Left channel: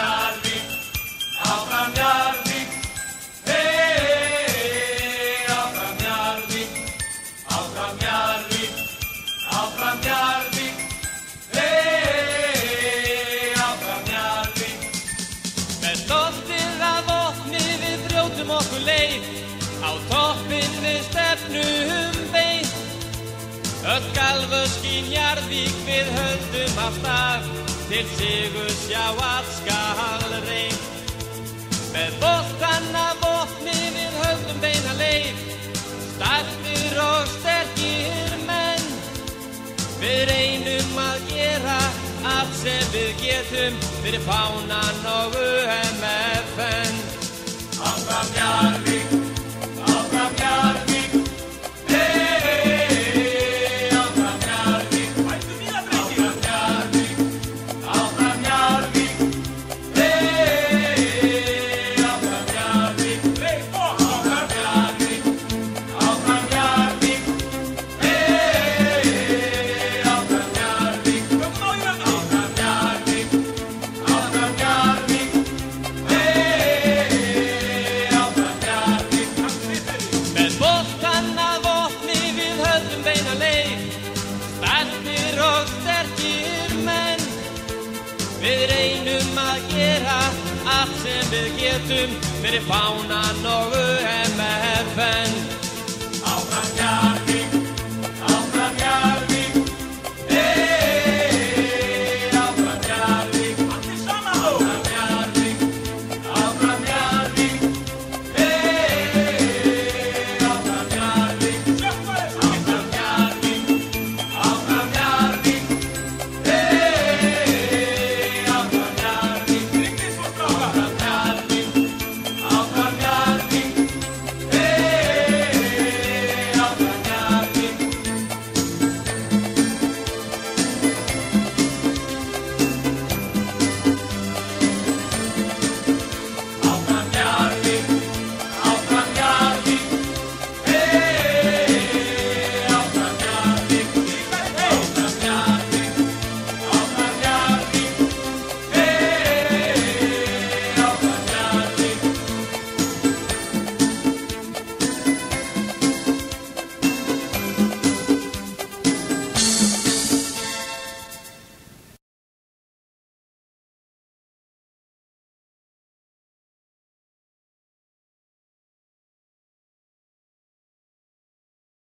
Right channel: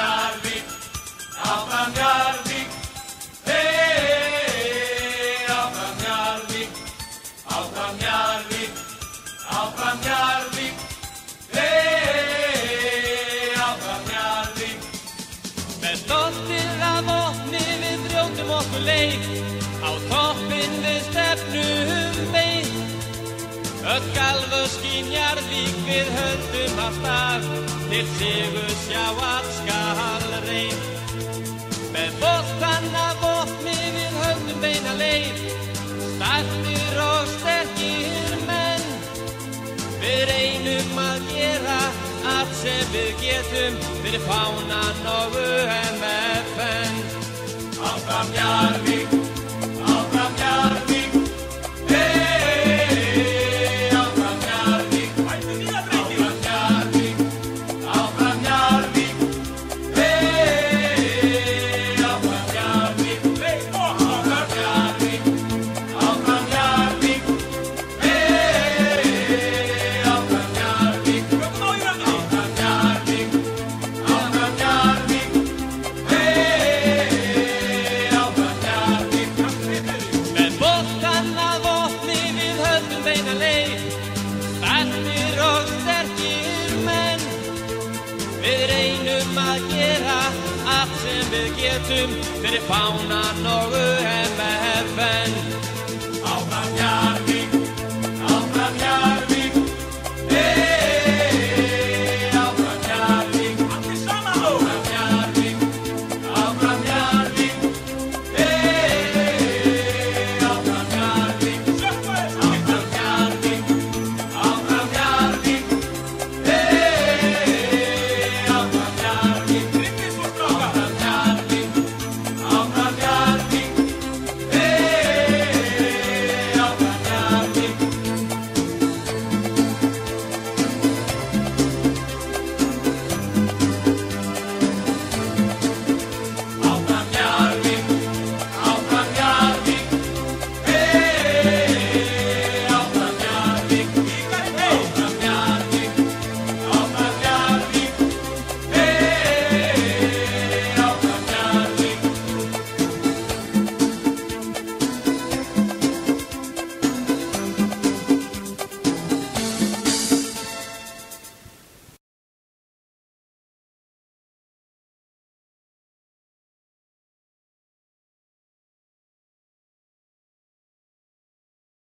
Njarðvík, áfram Njarðvík, hey, áfram Njarðvík, áfram Njarðvík, áfram Njarðvík, hey, áfram Njarðvík. Með stoltið af vopni við brjótum okkur leið, á toppinn við stefnum beint. Öll galvösk í Njarðvík við höldum alltaf, til sigurs já allt skal reynt. Með boltann af vopni við höldum beina leið, stættir og sterkir menn. Við reynum að gera allt sem við getum, fyrir fánan og UMFN. Áfram Njarðvík, áfram Njarðvík, hey, áfram Njarðvík, áfram Njarðvík, áfram Njarðvík, hey, áfram Njarðvík, áfram Njarðvík, áfram Njarðvík, hey, áfram Njarðvík, áfram Njarðvík, áfram Njarðvík, hey, áfram Njarðvík. Með boltann af vopni við höldum beina leið, stættir og sterkir menn. Við reynum að gera allt sem við getum, fyrir fánan og UMFN. Áfram Njarðvík.